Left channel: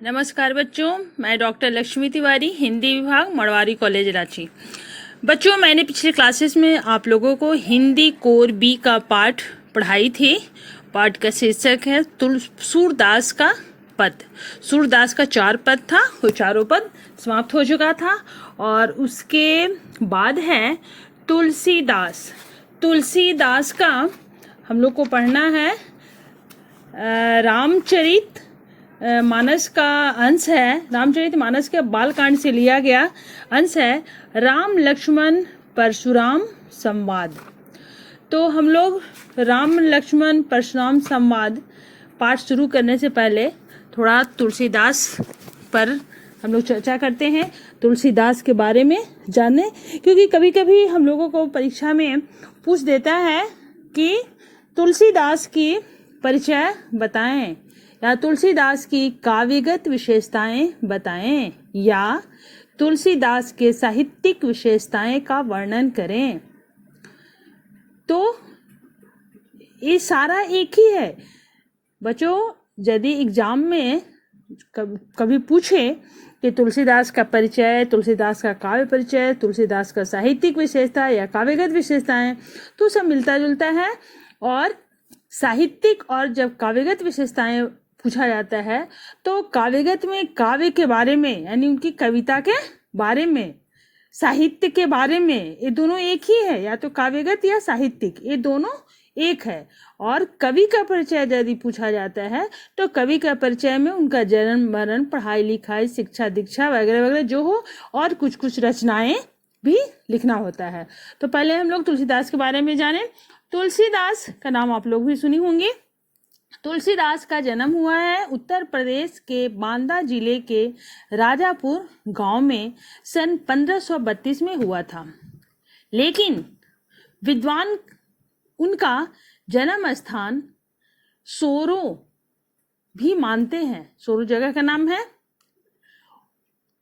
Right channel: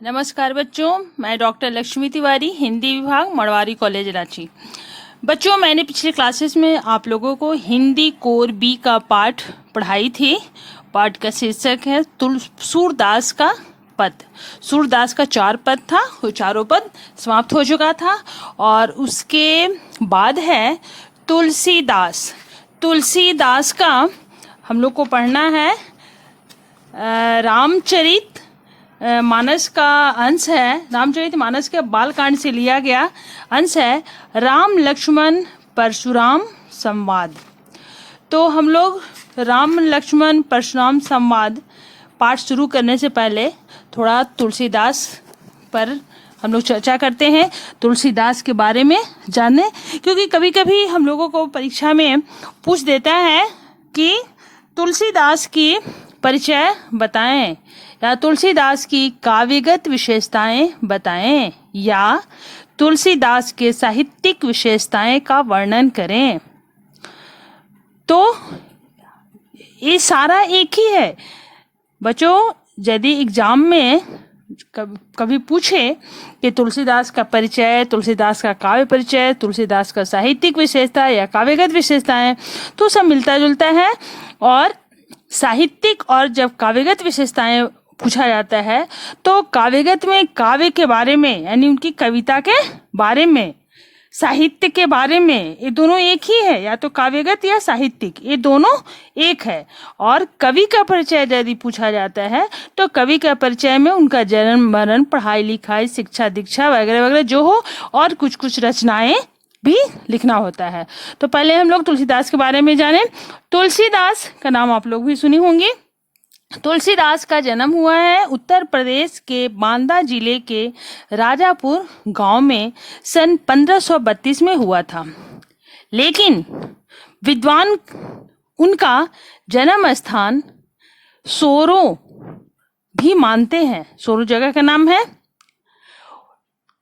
नमस्कार बच्चों, मैं डॉक्टर लक्ष्मी तिवारी, हिंदी विभाग, मड़वारी कॉलेज, रांची। बच्चों, मैंने पिछले क्लासेस में आप लोगों को हिंदी कोर बी का पाठ पढ़ाई थी। पाठ का शीर्षक है सूरदास का पद। सूरदास का 4 पद था, वो चारों पद समाप्त हो चुका था। और उसके बाद है तुलसीदास। तुलसीदास का हम लोग को पढ़ना है रामचरित मानस का अंश है। रामचरित मानस के बालकांड से लिया गया अंश है, राम लक्ष्मण परशुराम संवाद। तो हम लोग राम लक्ष्मण परशुराम संवाद पाठ शुरू करने से पहले थोड़ा तुलसीदास पर हम लोग चर्चा करते हैं, तुलसीदास के बारे में जाने, क्योंकि कभी कभी हम लोगों को परीक्षा में पूछ देता है कि तुलसीदास की परिचय बताएं, या तुलसीदास की काव्यगत विशेषताएं बताएं, या तुलसीदास के साहित्यिक विशेषताएं का वर्णन करें। तो ये सारा एक ही है बच्चों। यदि एग्जाम में कभी पूछे कि तुलसीदास का परिचय, तुलसीदास का काव्य परिचय, तुलसीदास का साहित्यिक विशेषता या काव्यगत विशेषताएं, तो सब मिलता जुलता है। और साहित्यिक और जब काव्यगत विशेषताएं पूछा जाता है तो काव्यगत में काव्य के बारे में, यानी उनकी कविता के बारे में, साहित्य के बारे में, ये दोनों एक ही है, या तो काव्यगत या साहित्यिक, ये दोनों एक है। और कवि का परिचय यदि पूछा जाता है तो कवि का परिचय में उनका जन्म मरण, पढ़ाई लिखाई, शिक्षा दीक्षा वगैरह वगैरह जो हो, और कुछ कुछ रचनाएं भी लिखना होता है। तो पहले हम लोग तुलसीदास के बारे में जानें। तुलसीदास का नाम आप लोग भी सुनी होंगी। तुलसीदास का जन्म हुआ है उत्तर प्रदेश के बांदा जिले के राजापुर गांव में सन 1532 में हुआ था। लेकिन विद्वान उनका जन्म स्थान सोरो भी मानते हैं। सोरो जगह का नाम है।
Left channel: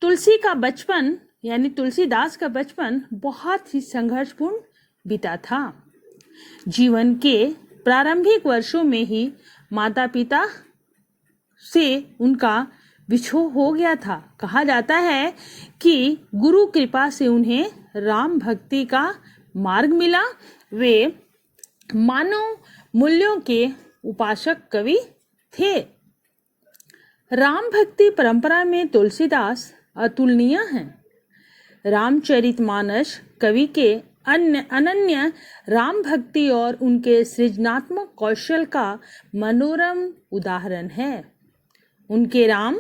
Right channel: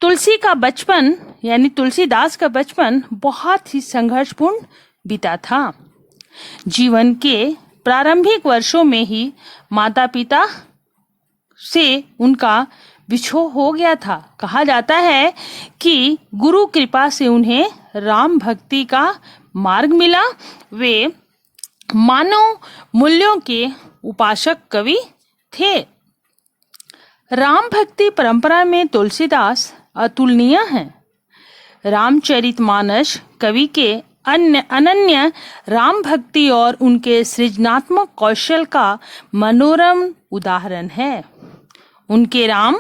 तुलसी का बचपन, यानी तुलसीदास का बचपन बहुत ही संघर्षपूर्ण बीता था। जीवन के प्रारंभिक वर्षों में ही माता पिता से उनका विछोह हो गया था। कहा जाता है कि गुरु कृपा से उन्हें राम भक्ति का मार्ग मिला। वे मानव मूल्यों के उपासक कवि थे। राम भक्ति परंपरा में तुलसीदास अतुलनीय हैं। रामचरितमानस कवि के अनन्य राम भक्ति और उनके सृजनात्मक कौशल का मनोरम उदाहरण है। उनके राम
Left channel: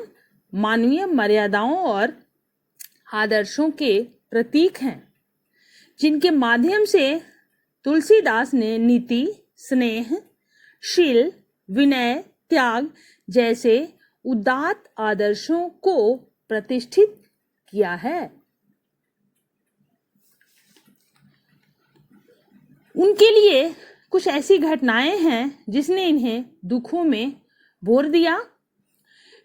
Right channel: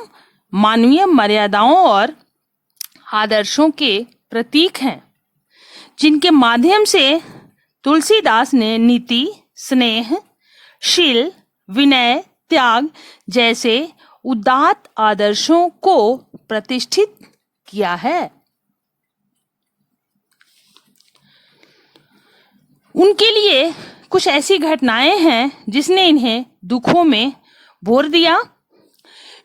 मानवीय मर्यादाओं और आदर्शों के प्रतीक हैं, जिनके माध्यम से तुलसीदास ने नीति, स्नेह, शील, विनय, त्याग जैसे उदात्त आदर्शों को प्रतिष्ठित किया है। उनके लिए कुछ ऐसी घटनाएं हैं जिसने इन्हें दुखों में भोर दिया।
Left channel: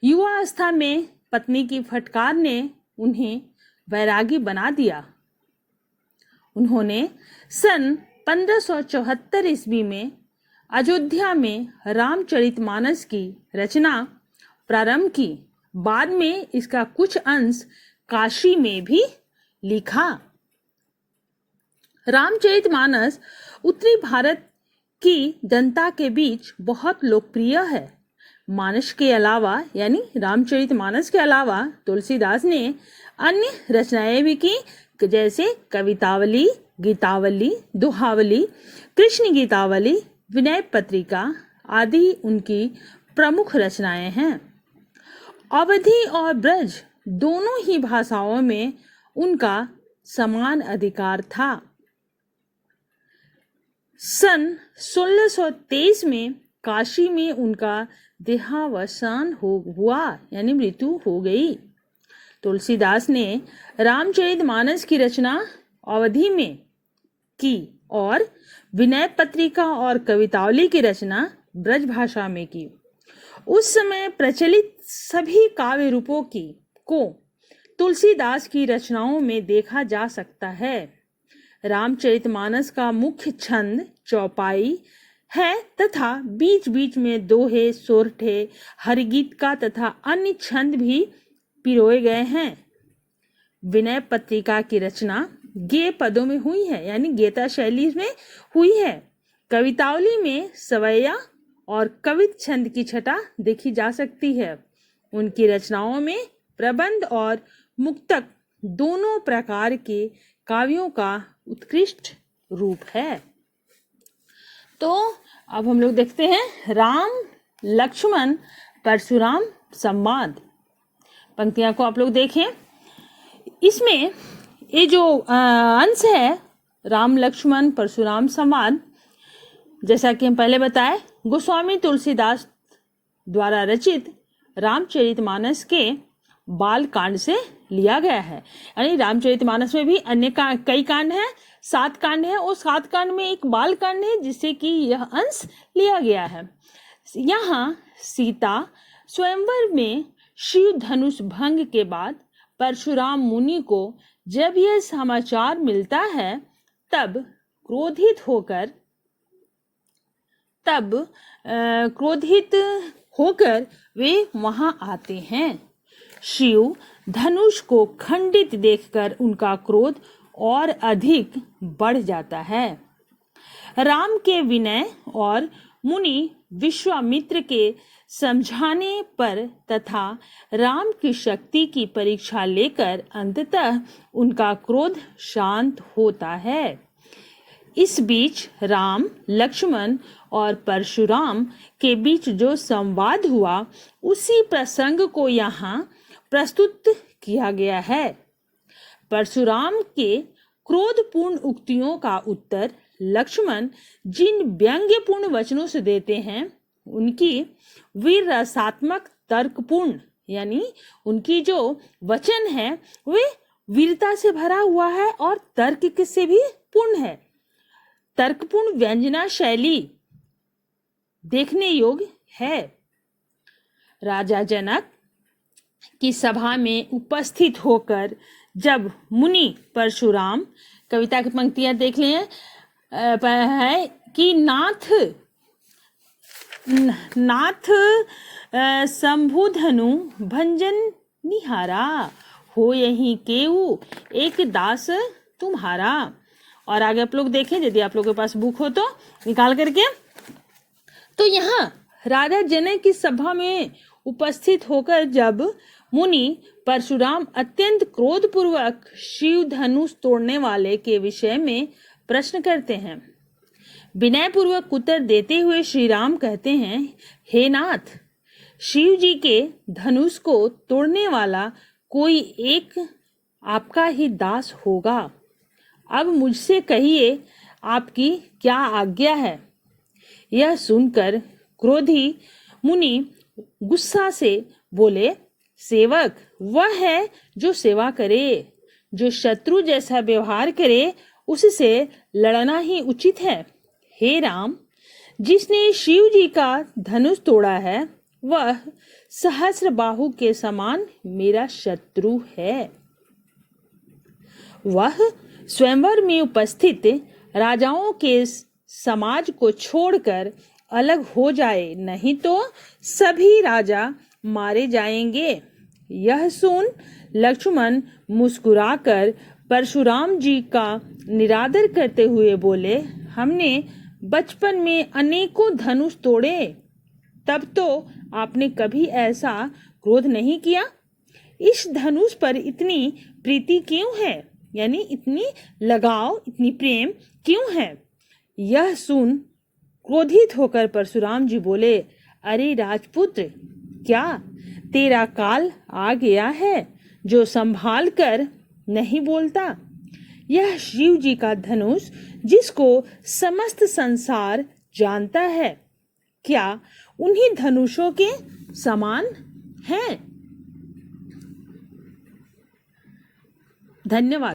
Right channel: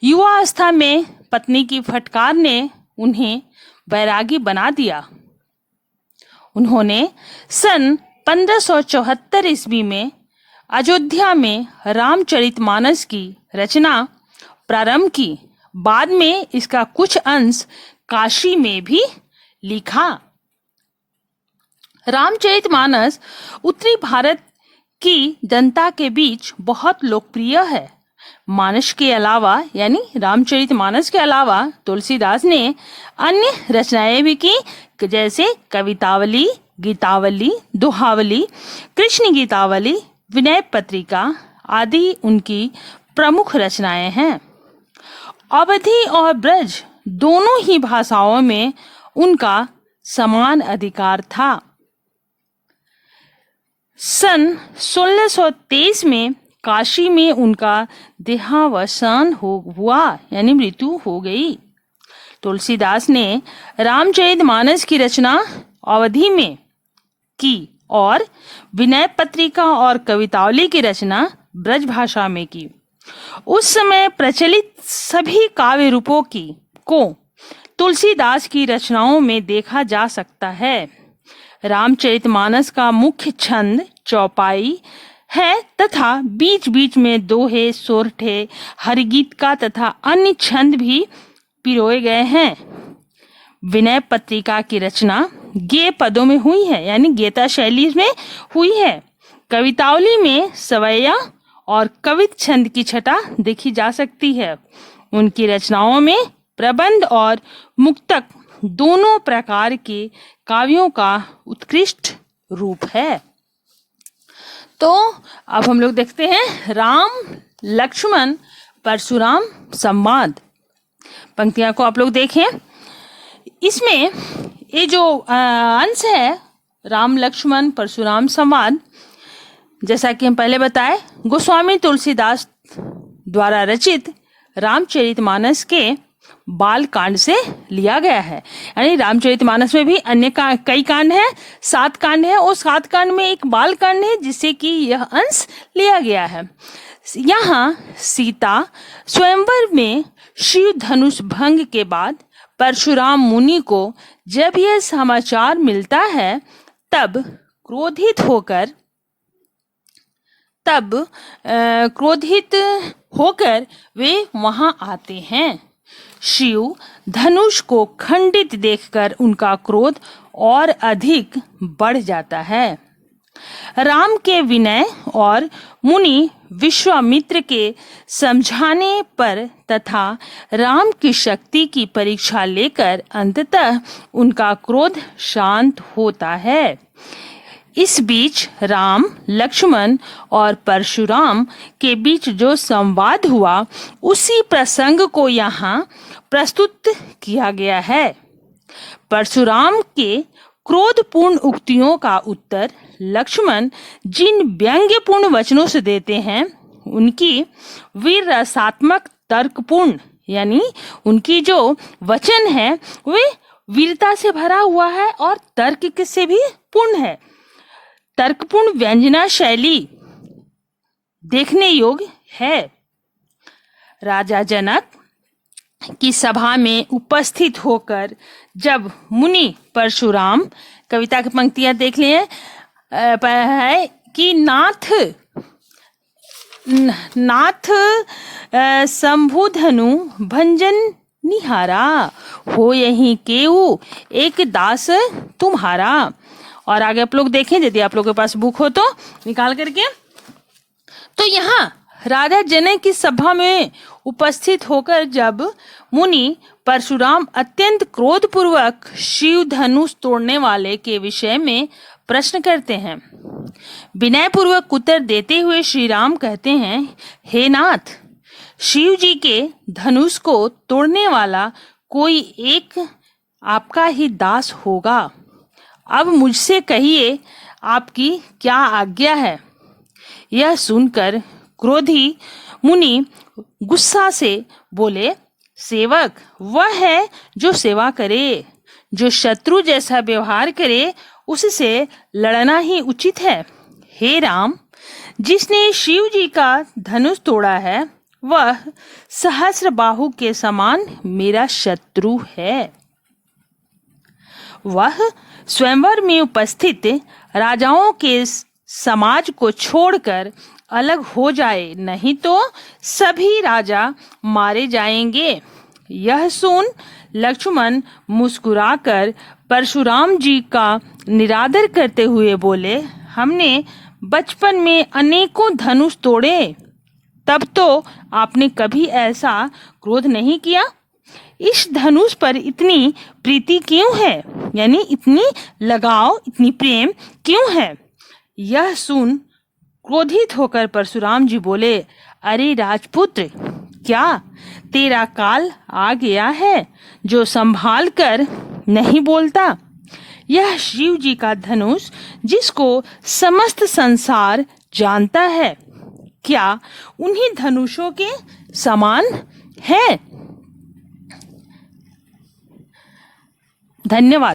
युवावस्था में पत्नी की फटकार ने उन्हें वैरागी बना दिया। उन्होंने सन 1574 ईस्वी में अयोध्या में रामचरितमानस की रचना प्रारंभ की। बाद में इसका कुछ अंश काशी में भी लिखा। रामचरितमानस उत्तरी भारत की जनता के बीच बहुत लोकप्रिय है। मानस के अलावा, यानी रामचरितमानस के अलावा, तुलसीदास ने अन्य रचनाएं भी की, जैसे कवितावली, गीतावली, दोहावली, कृष्ण गीतावली, विनय पत्रिका आदि उनकी प्रमुख रचनाएं हैं। अवधी और ब्रज दोनों ही भाषाओं में उनका समान अधिकार था। सन 1623 में काशी में उनका देहावसान हुआ, यानी मृत्यु हो गई। तुलसीदास ने रामचरितमानस की रचना अवधी में की और विनय पत्रिका और कवितावली की रचना ब्रज भाषा में की। उस समय प्रचलित सभी काव्य रूपों को तुलसीदास की रचनाओं में देखा जा सकता है। रामचरितमानस का मुख्य छंद चौपाई है तथा बीच बीच में दोहे, सोरठे, हरिगीत का तथा अन्य छंद भी पिरोए गए हैं। विनय पत्रिका की रचना गेय पदों में हुई है, यानी गेता शैली में हुई है। कवितावली में सवैया और कवित छंद की छटा देखी जा सकती है। उनकी रचनाओं में प्रबंध और मुक्तक दोनों प्रकार के काव्यों का उत्कृष्ट रूप है। तो अब हम लोग देखते हैं राम लक्ष्मण परशुराम संवाद। पंक्तियां को आप लोग देखें। इसमें ये जो अंश है राम लक्ष्मण परशुराम संवाद, जैसा कि हम पहले बताए, गोस्वामी तुलसीदास द्वारा रचित रामचरितमानस के बाल कांड से लिया गया है। यानी रामचरितमानस में भी अन्य कई कांड हैं, 7 कांड हैं, और 7 कांड में एक बाल कांड है जिससे कि यह अंश लिया गया है। यहाँ सीता स्वयंवर में शिव धनुष भंग के बाद परशुराम मुनि को जब यह समाचार मिलता है तब क्रोधित होकर वे वहां आते हैं। शिव धनुष को खंडित देखकर उनका क्रोध और अधिक बढ़ जाता है। राम के विनय और मुनि विश्वामित्र के समझाने पर तथा राम की शक्ति की परीक्षा लेकर अंततः उनका क्रोध शांत होता है। इस बीच राम, लक्ष्मण और परशुराम के बीच जो संवाद हुआ उसी प्रसंग को यहाँ प्रस्तुत किया गया है। परशुराम के क्रोधपूर्ण उक्तियों का उत्तर लक्ष्मण जिन व्यंग्यपूर्ण वचनों से देते हैं उनकी वीर रसात्मक तर्कपूर्ण, यानी उनकी जो वचन है वे वीरता से भरा हुआ है और तर्क से भी पूर्ण है। तर्कपूर्ण व्यंजना शैली देखने योग्य है। राजा जनक की सभा में उपस्थित होकर जब मुनि परशुराम, कविता की पंक्तियां देख लिए है कि नाथ शंभुधनु भंजन निहारा, हो यही केऊ एक दास तुम्हारा। और आगे आप लोग देखें, यदि आप लोगों के पास बुक हो तो निकाल करके। तो यहाँ राजा जनक की सभा में उपस्थित होकर जब मुनि परशुराम अत्यंत क्रोधपूर्वक शिव धनुष तोड़ने वाले के विषय में प्रश्न करते हैं, विनय पूर्वक उत्तर देते हुए श्री राम कहते हैं, हे नाथ, शिव जी के धनुष को तोड़ने वाला कोई एक आपका ही दास होगा। अब मुझसे कहिए आपकी क्या आज्ञा है। यह सुनकर क्रोधी मुनि गुस्सा से बोले, सेवक वह है जो सेवा करे, जो शत्रु जैसा व्यवहार करे उससे लड़ना ही उचित है। हे राम, जिसने शिव जी का धनुष तोड़ा है वह सहस्र बाहु के समान मेरा शत्रु है। वह स्वयंवर में उपस्थित राजाओं के समाज को छोड़कर अलग हो जाए, नहीं तो सभी राजा मारे जाएंगे। यह सुन लक्ष्मण मुस्कुराकर परशुराम जी का निरादर करते हुए बोले, हमने बचपन में अनेकों धनुष तोड़े, तब तो आपने कभी ऐसा क्रोध नहीं किया। इस धनुष पर इतनी प्रीति क्यों है, यानी इतनी लगाव, इतनी प्रेम क्यों है। यह सुन क्रोधित होकर परशुराम जी बोले, अरे राजपुत्र, क्या तेरा काल आ गया है जो संभाल कर नहीं बोलता। यह शिव जी का धनुष जिसको समस्त संसार जानता है, क्या उन्हीं धनुषों के समान है। धन्यवाद।